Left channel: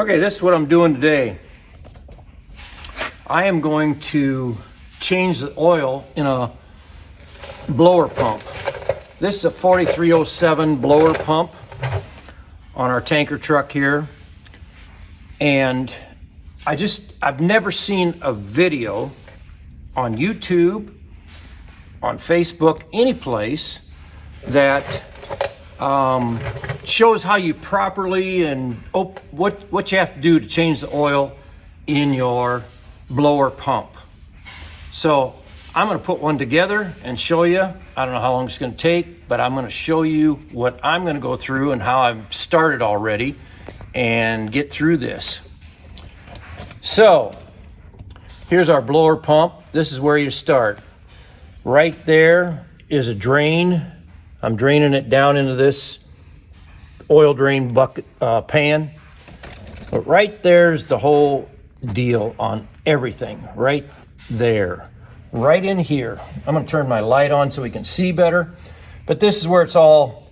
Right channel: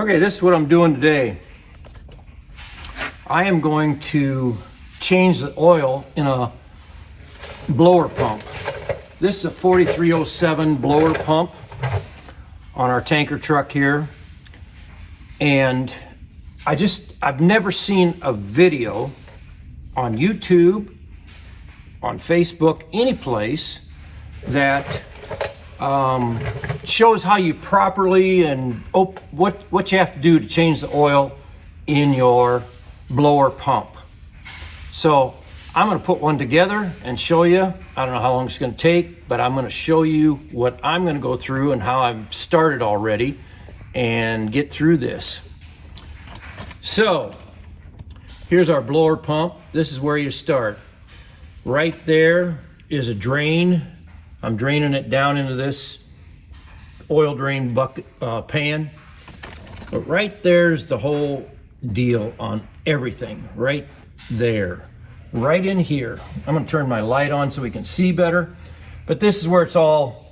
Okay, this is what I'm doing today. I am going to change the oil in a blower pump. This is a 4307 blower pump on our tanker truck here. And I've never seen a video on YouTube, on Facebook, any place that shows how you properly and what you have to do to change the oil in your blower pump. So I'm going to put one together and show you. I don't know how long it's going to take, but I'm going to show you what I'm going to go through and how I've started already and get through this. So here's our blower pump. This is where you start. Right there is a drain. I'm draining it down into this oil drain bucket pan. But right there's the whole deal on everything. Right there. Right in here. I'm going to turn my light on so we can see better. But this is where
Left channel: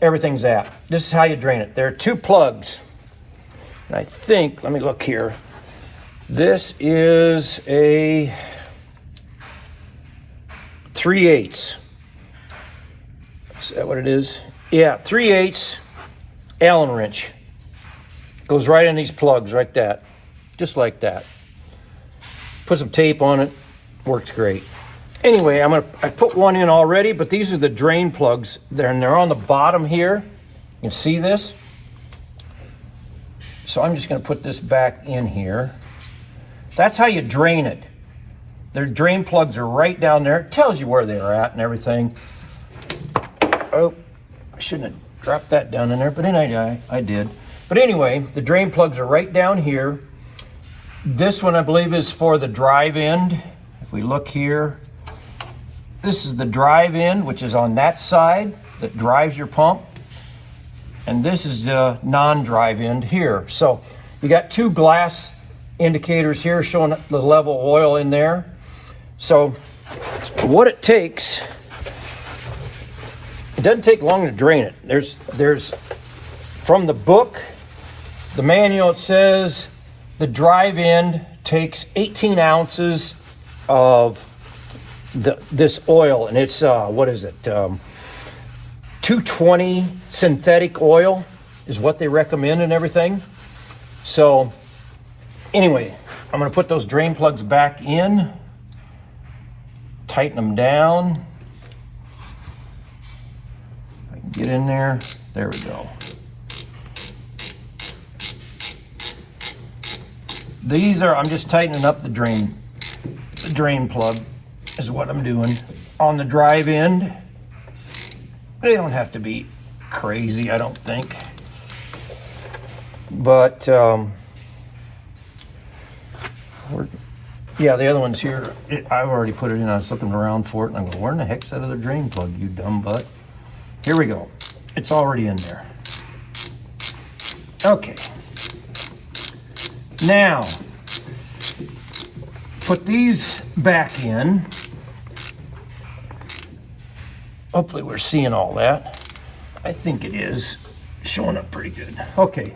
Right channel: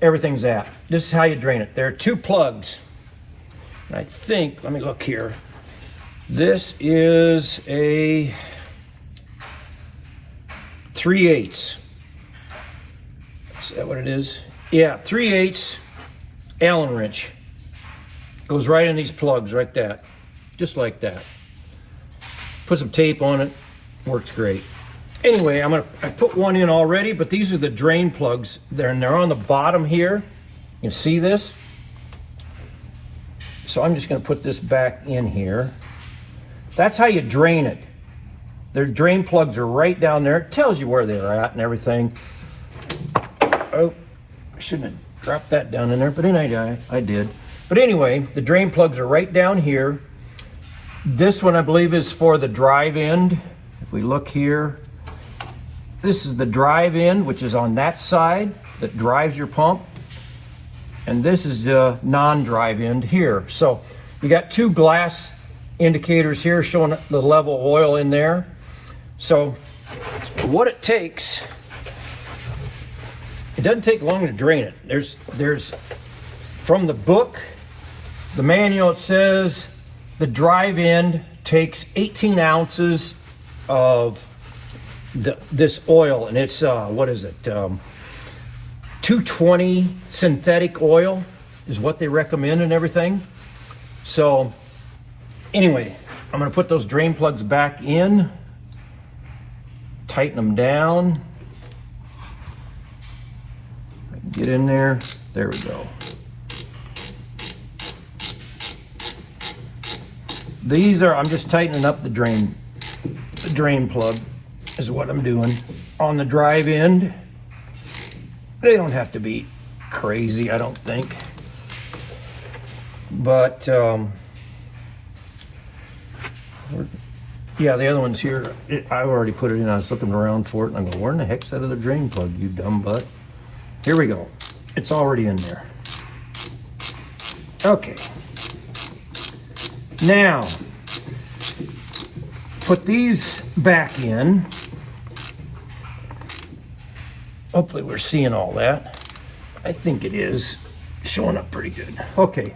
everything's at. This is how you drain it. There are two plugs. And I think, let me look here. This is a 3/8. Is that what it is? Yeah, 3/8 Allen wrench. Goes right in these plugs like that. Just like that. Put some tape on it. Works great. Anyway, I put one in already, but these are the drain plugs. They're on the bottom here. You can see this. So I'm just going to put this back in here. That's how you drain it. Their drain plugs are right down there. It tells you where they're at and everything. Oh, I shouldn't have dropped that down in there, but anyway, I did. But anyway, the drain plugs are right down here. This one, I believe, is for the drive end. If we look here, this is the drive end, which is on that side that drives your pump. And this is the non-drive end here. So we got two glass indicators here showing the level of oil in there. So what it takes, it doesn't take long to drain it. There's from the book, the manual, it says the drive end takes 18 ounces of this oil, and it's what is it? 220 synthetic oil is what they recommend and everything. So anyway, I'm going to put those drain plugs back in, tighten them down. I can get in there. There we go. I'm just tightening up the drain plug is what I'm doing. On the drive end, they don't have to be crazy, I don't think. But yeah, the other one's here. I've already put it in. I was looking around for it, and I'm going, where in the heck's that other drain plug, you dumb butt? Here we go. It's already in there. Okay. Now, put these back in. Hopefully we're seeing all that. I think it is showing up pretty good. Okay.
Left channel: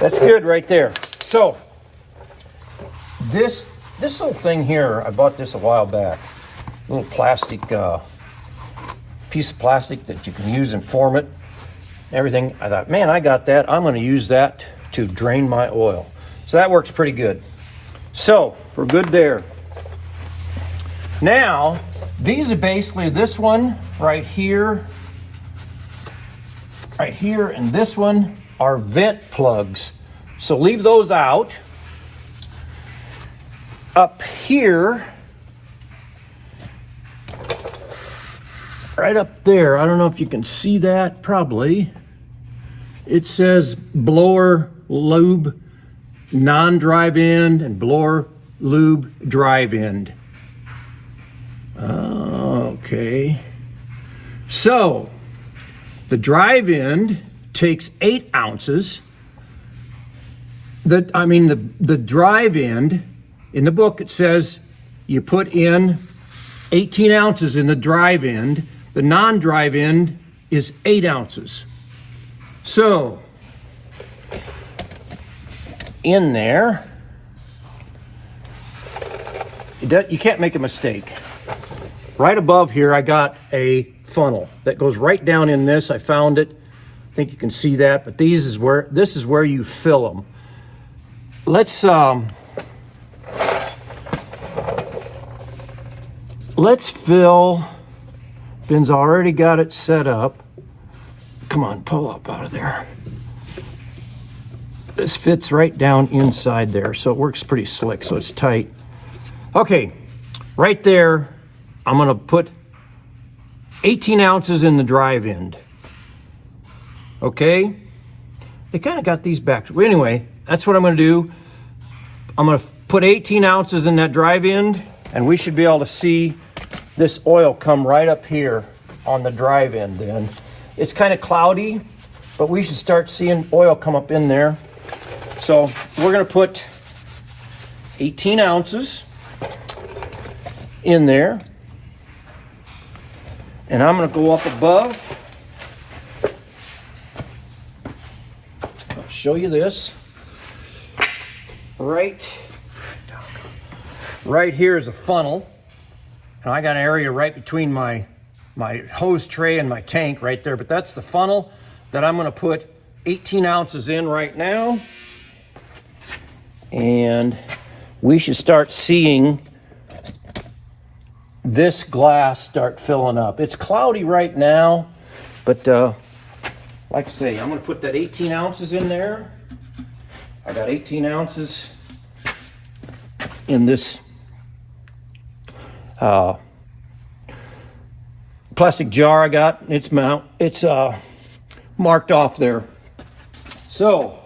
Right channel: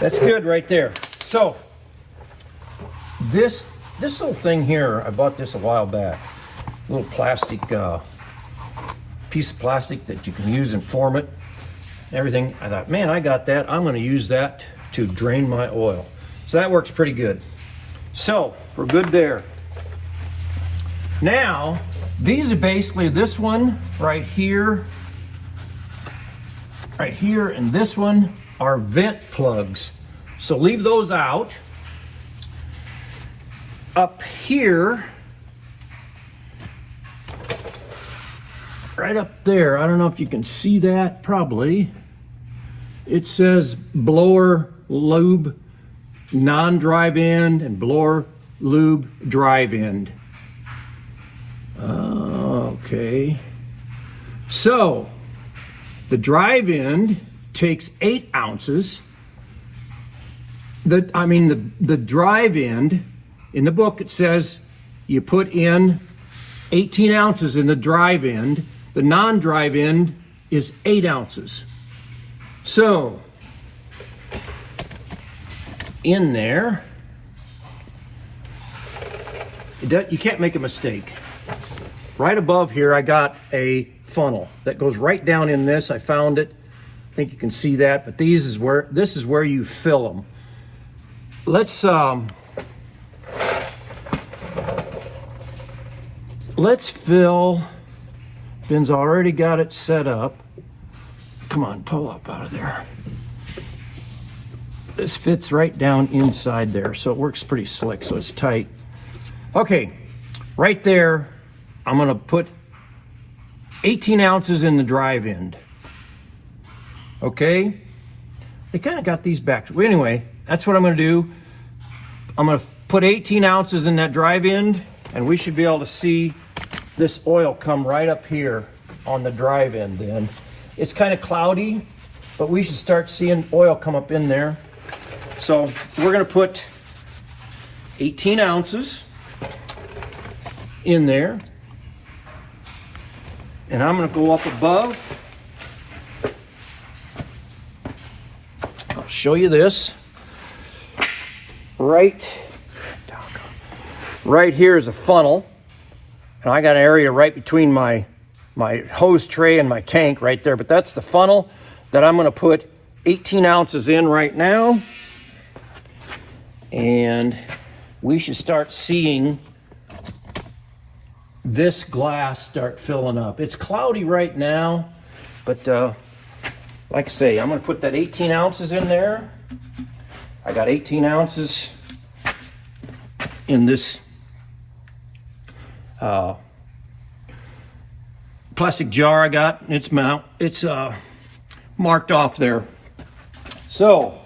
That's good right there. So, this little thing here, I bought this a while back. A little plastic, piece of plastic that you can use and form it. Everything. I thought, man, I got that. I'm going to use that to drain my oil. So that works pretty good. So, we're good there. Now, these are basically this one right here, and this one are vent plugs. So leave those out. Up here, right up there, I don't know if you can see that, probably. It says blower lube non-drive end and blower lube drive end. Okay. So, the drive end takes 8 ounces. The drive end, in the book it says you put in 18 ounces in the drive end. The non-drive end is 8 ounces. So in there. You can't make a mistake. Right above here, I got a funnel that goes right down in this. I found it. I think you can see that, but this is where you fill them. Let's fill. Ben's already got it set up. Come on, pull up out of there. This fits right down inside there, so it works pretty slick, so it's tight. Okay, right there, I'm gonna put 18 ounces in the drive end. Okay? They kind of got these back. Well, anyway, that's what I'm gonna do. I'm gonna put 18 ounces in that drive end, and we should be able to see this oil come right up here on the drive end then. It's kind of cloudy, but we should start seeing oil come up in there. So we're gonna put 18 ounces in there. And I'm gonna go up above. I'll show you this. Right here is a funnel. And I got an area right between my hose tray and my tank right there. But that's the funnel that I'm gonna put 18 ounces in right now. And we should start seeing this glass start filling up. It's cloudy right now, but like I say, I'm gonna put that 18 ounces in there. I got 18 ounces in this plastic jar I got. It's marked off there. So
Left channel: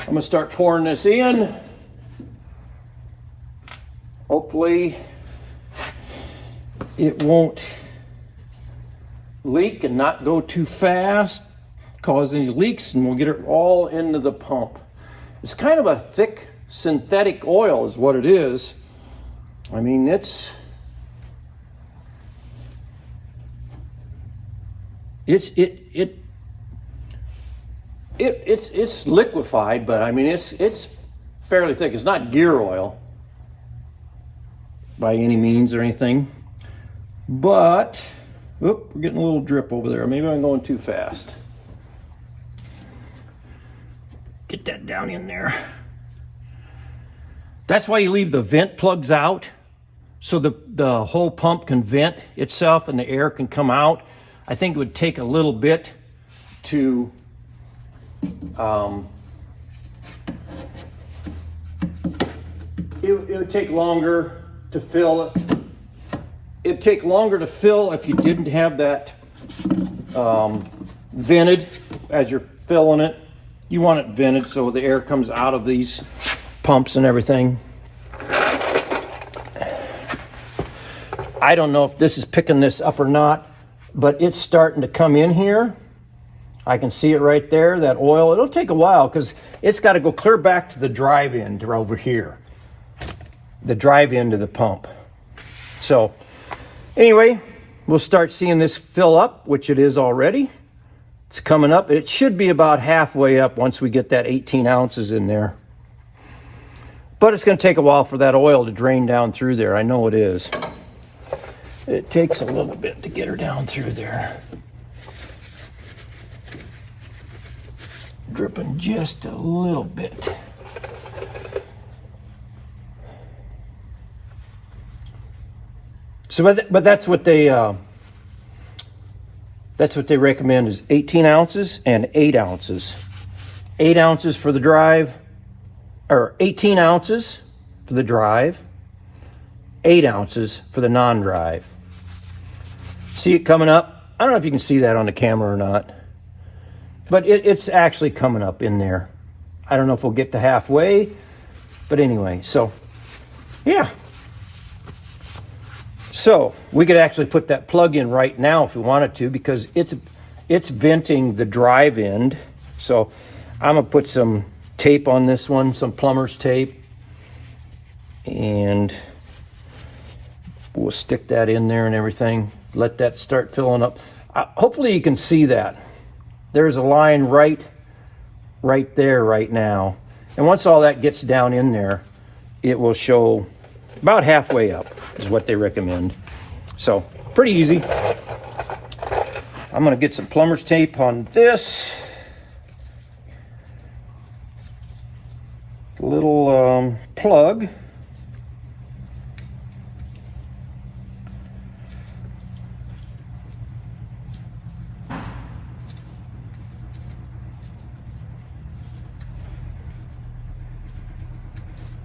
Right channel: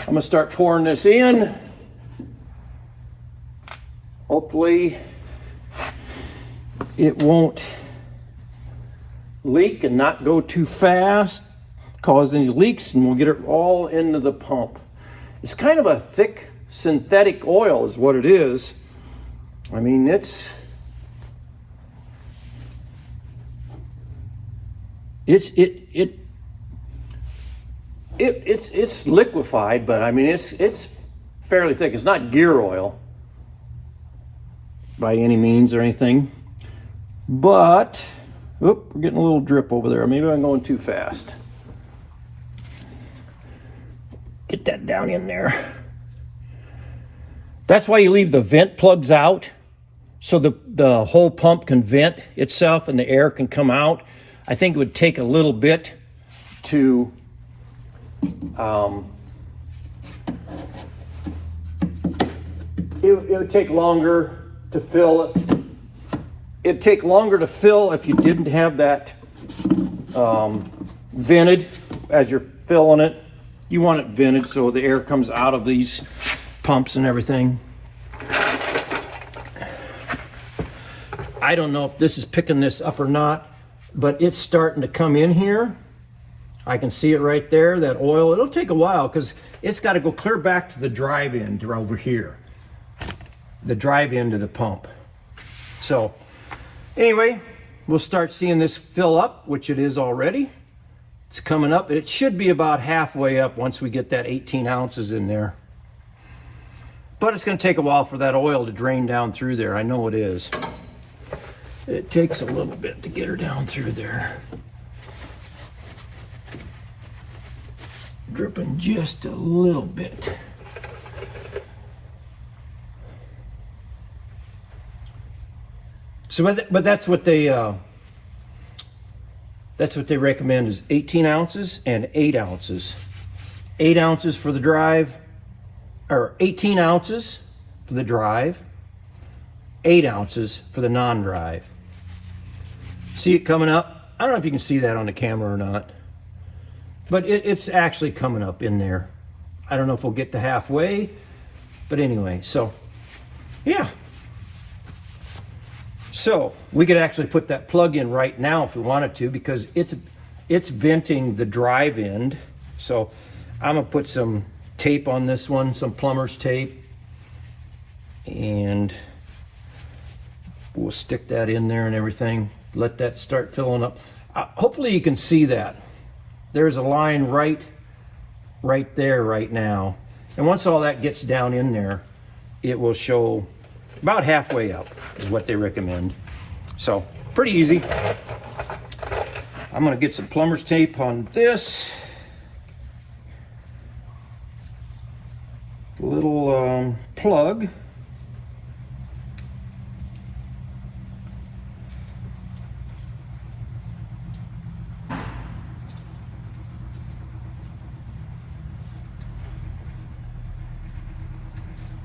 I'm gonna start pouring this in. Hopefully it won't leak and not go too fast, cause any leaks, and we'll get it all into the pump. It's kind of a thick synthetic oil is what it is. I mean, it's liquefied, but I mean it's fairly thick. It's not gear oil by any means or anything, but we're getting a little drip over there. Maybe I'm going too fast. Get that down in there. That's why you leave the vent plugs out, so the whole pump can vent itself and the air can come out. I think it would take a little bit to it would take longer to fill it. It'd take longer to fill if you didn't have that vented as you're filling it. You want it vented so the air comes out of these pumps and everything. I don't know if this is picking this up or not, but it's starting to come in here. I can see it right there, that oil. It'll take a while because it's got to go clear back to the drive end over here. The drive end of the pump. So anyway, we'll start seeing this fill up, which it is already. It's coming up. It should be about halfway up once we get that 18 ounces in there. But it's going to take a while for that oil to drain down through there. I know it is. It takes a little bit to get her down through there. Dripping just a little bit. So, but that's what they recommend is 18 ounces and 8 ounces. 8 ounces for the drive, or 18 ounces for the drive, 8 ounces for the non-drive. See it coming up? I don't know if you can see that on the camera or not, but it's actually coming up in there. I don't know if we'll get to halfway, but anyway, so yeah. So we could actually put that plug in right now if we wanted to, because it's venting the drive end. So I'm gonna put some tape on this one, some plumber's tape, and we'll stick that in there and everything. Let that start filling up. Hopefully you can see that. There's a line right there right now. And once all that gets down in there, it will show about halfway up is what they recommend. So pretty easy. I'm gonna get some plumber's tape on this. Little plug.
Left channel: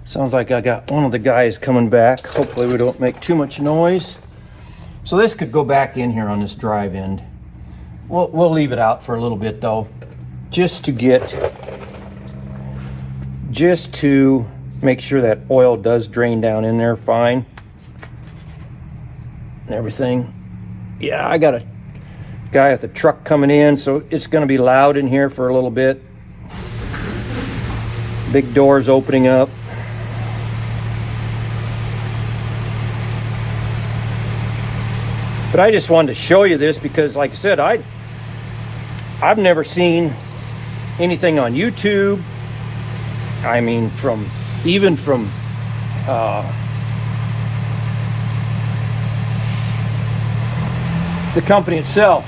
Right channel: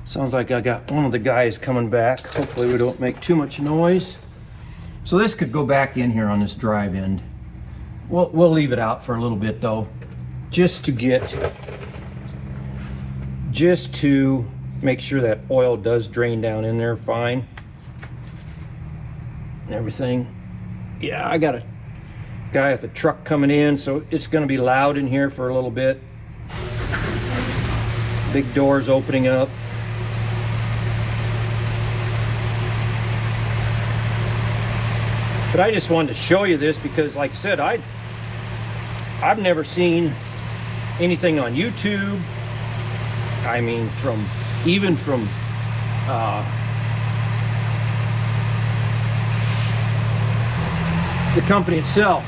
Sounds like I got one of the guys coming back. Hopefully we don't make too much noise. So this could go back in here on this drive end. We'll leave it out for a little bit though, just to make sure that oil does drain down in there fine and everything. Yeah, I got a guy at the truck coming in, so it's gonna be loud in here for a little bit. Big doors opening up. But I just wanted to show you this because, like I said, I've never seen anything on YouTube. I mean, even from the company itself,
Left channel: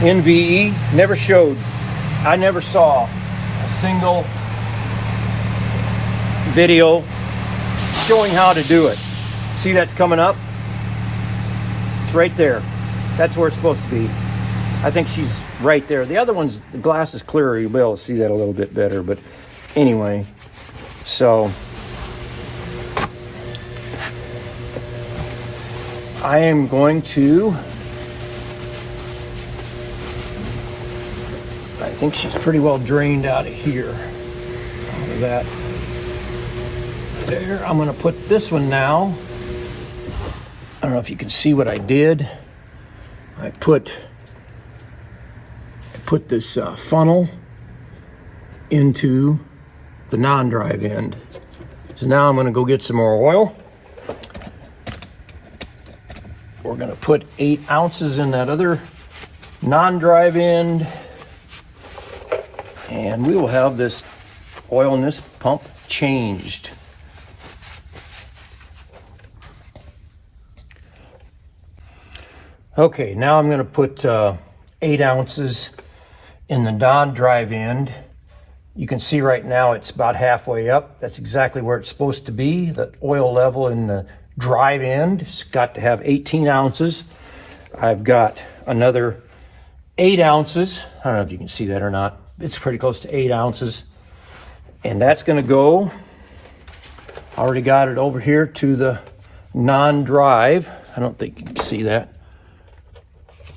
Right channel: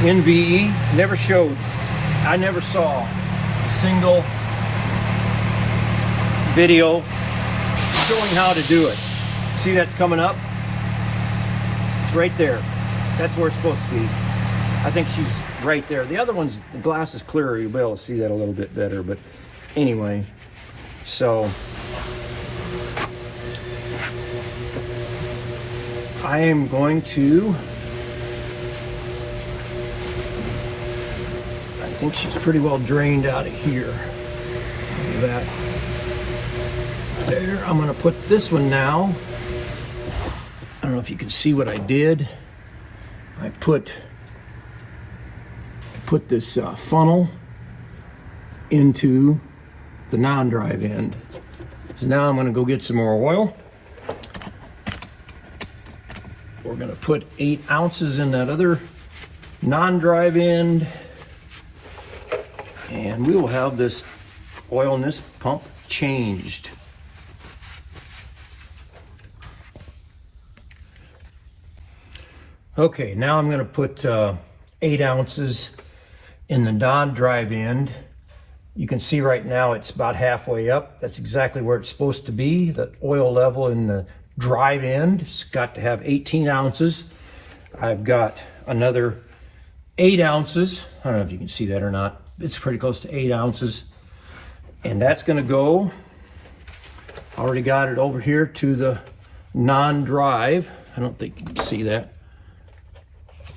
NVE, never showed. I never saw a single video showing how to do it. See, that's coming up. Right there. That's where it's supposed to be. I think she's right there. The other one's, the glass is clearer. You'll be able to see that a little bit better. But anyway, so I am going to, I think she's pretty well drained out of here. Out of that. There. I'm going to put this one now. I don't know if you can see what I did. I put this funnel into the non-drive end. So now I'm gonna go get some more oil. We're gonna put 8 ounces in that other non-drive end. And we will have this oil in this pump changed. Okay, now I'm gonna put 8 ounces in the non-drive end. You can see right now it's about halfway up. That's exactly where it's supposed to be. The oil level in the drive end has got to have 18 ounces. I've got another 8 ounces. I don't know if you can see that or not. It's pretty close to 8 ounces. And that's gonna go, I already got it over here to the non-drive. I don't think you can see that.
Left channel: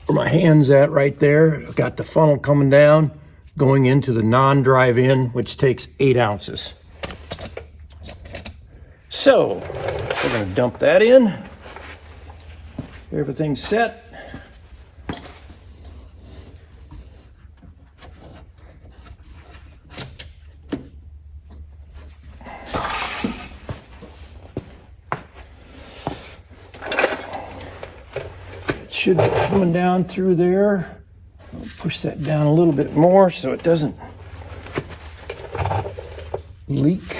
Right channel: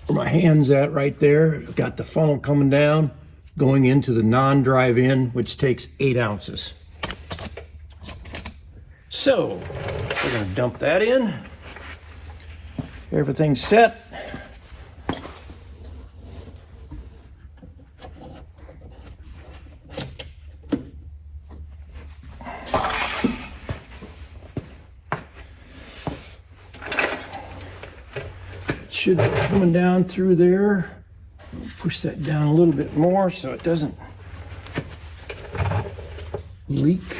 Where my hand's at right there. I've got the funnel coming down, going into the non-drive in, which takes 8 ounces. So we're gonna dump that in. Everything's set. Should be coming down through there. I'll push that down a little bit more so it doesn't leak.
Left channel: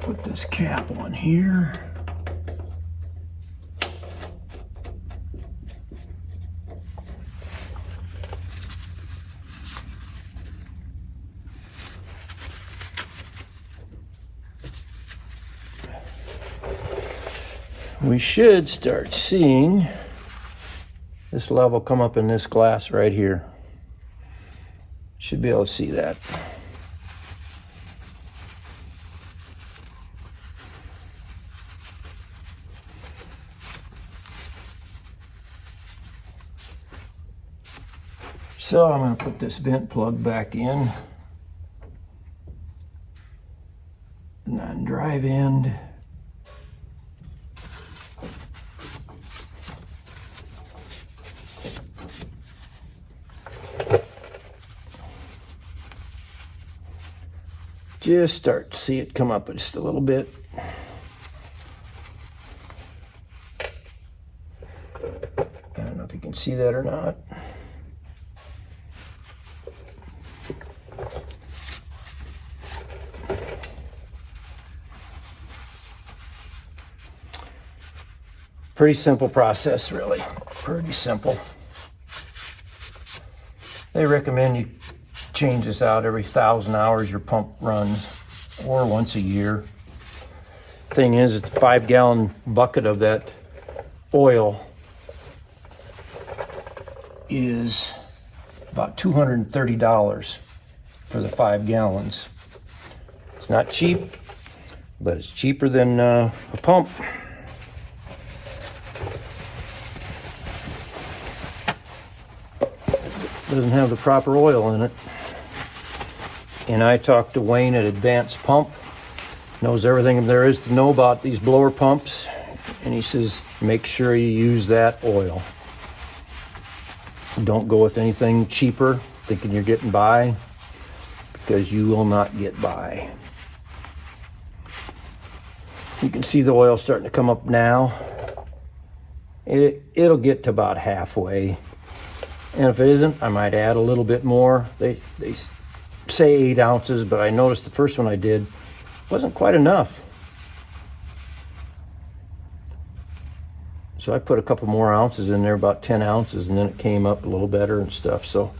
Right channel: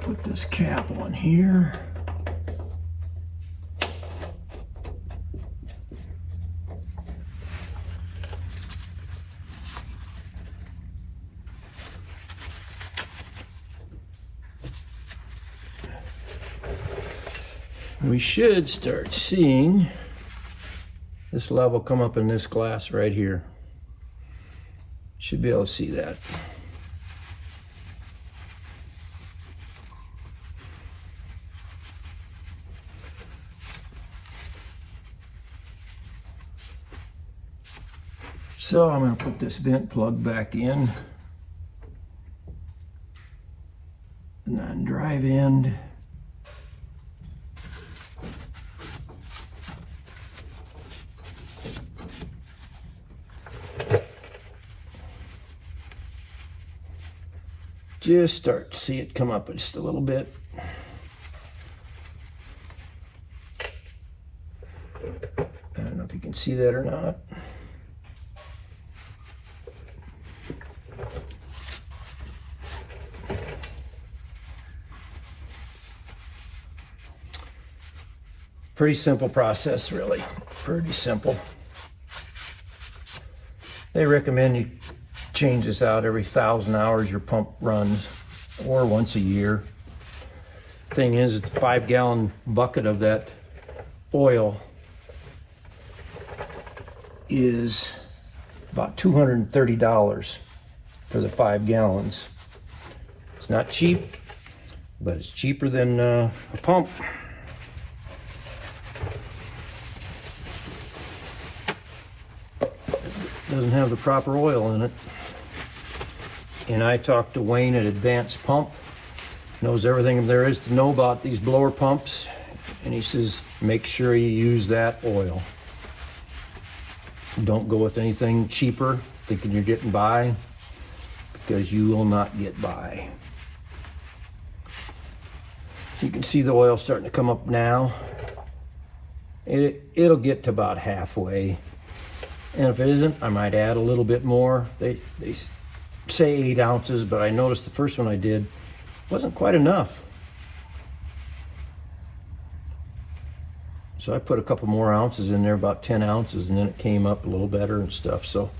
Put this cap on here. We should start seeing this level come up in this glass right here. Should be able to see that. So I'm going to put this vent plug back in. Non-drive end. Just start to see it come up just a little bit. I don't know if you can see that or not. Pretty simple process, really. Pretty simple. They recommend you change this out every 1,000 hours your pump runs, or once a year. Thing is, it's a 5-gallon bucket of that oil is about $230 for the 5 gallons. It's not cheap, but it's cheaper than a pump. Doesn't have the proper oil in it. And I talked to Wayne at Advanced Pump, knows everything there is to know about these blower pumps, and he says make sure you use that oil. Don't go with anything cheaper thinking you're getting by, because you will not get by. You can see the oil starting to come up now. It'll get to about halfway, and if it isn't, I might add a little bit more. They say 8 ounces, but I noticed the first one I did wasn't quite enough. So I put a couple more ounces in there, about 10 ounces, and then it came up a little better and stuff. So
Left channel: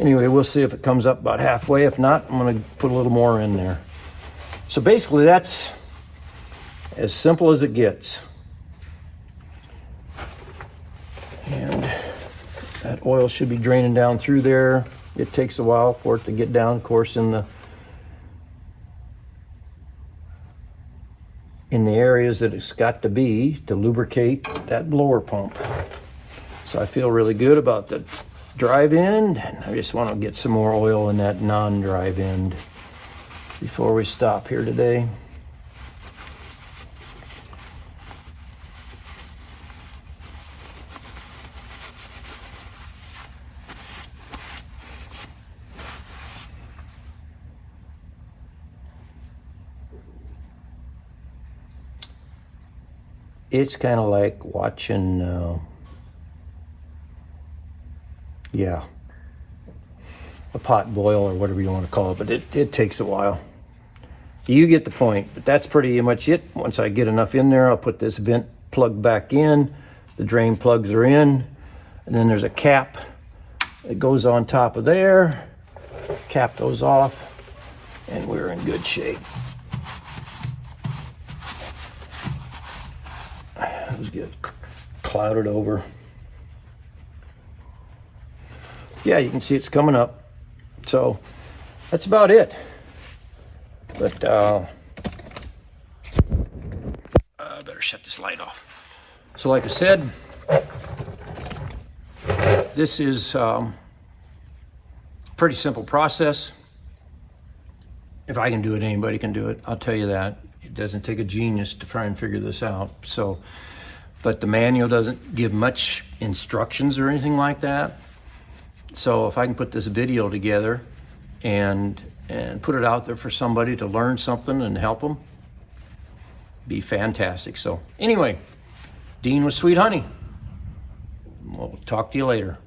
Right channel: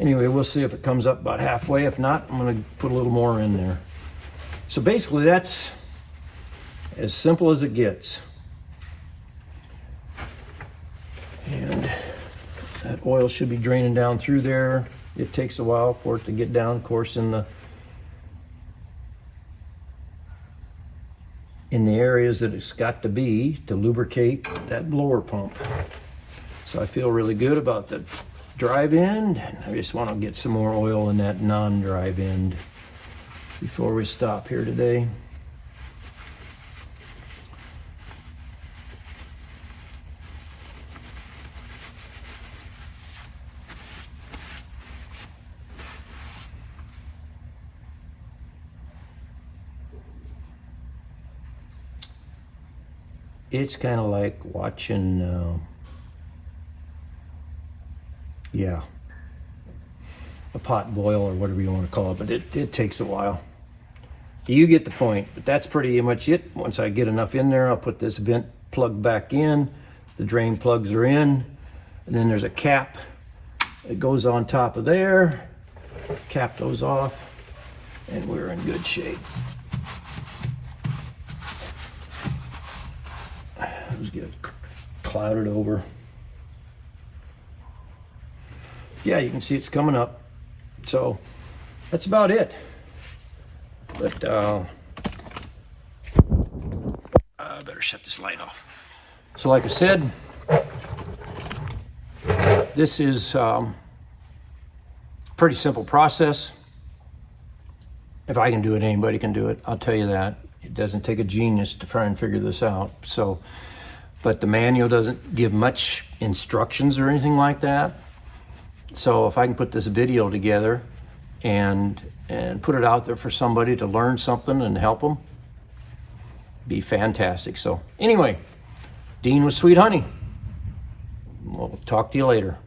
anyway, we'll see if it comes up about halfway. If not, I'm gonna put a little more in there. So basically that's as simple as it gets. And that oil should be draining down through there. It takes a while for it to get down, of course, in the areas that it's got to be to lubricate that blower pump. So I feel really good about the drive end, and I just want to get some more oil in that non-drive end before we stop here today. It's kind of like watching, a pot boil or whatever you want to call it, but it takes a while. You get the point, but that's pretty much it. Once I get enough in there, I'll put this vent plug back in. The drain plugs are in, and then there's a cap that goes on top of there. Cap those off, and we're in good shape. Let's get clouded over. Yeah, you can see it's coming up. So that's about it. But I better shut this light off. So like I said, this is pretty simple process. If I can do it, anybody can do it. I'll tell you that. It doesn't take a genius to try and figure this out. So, but the manual doesn't give much instructions or anything like that. So if I can put this video together and put it out there for somebody to learn something and help them, be fantastic. So anyway, Dean with Sweet Honey. We'll talk to you later.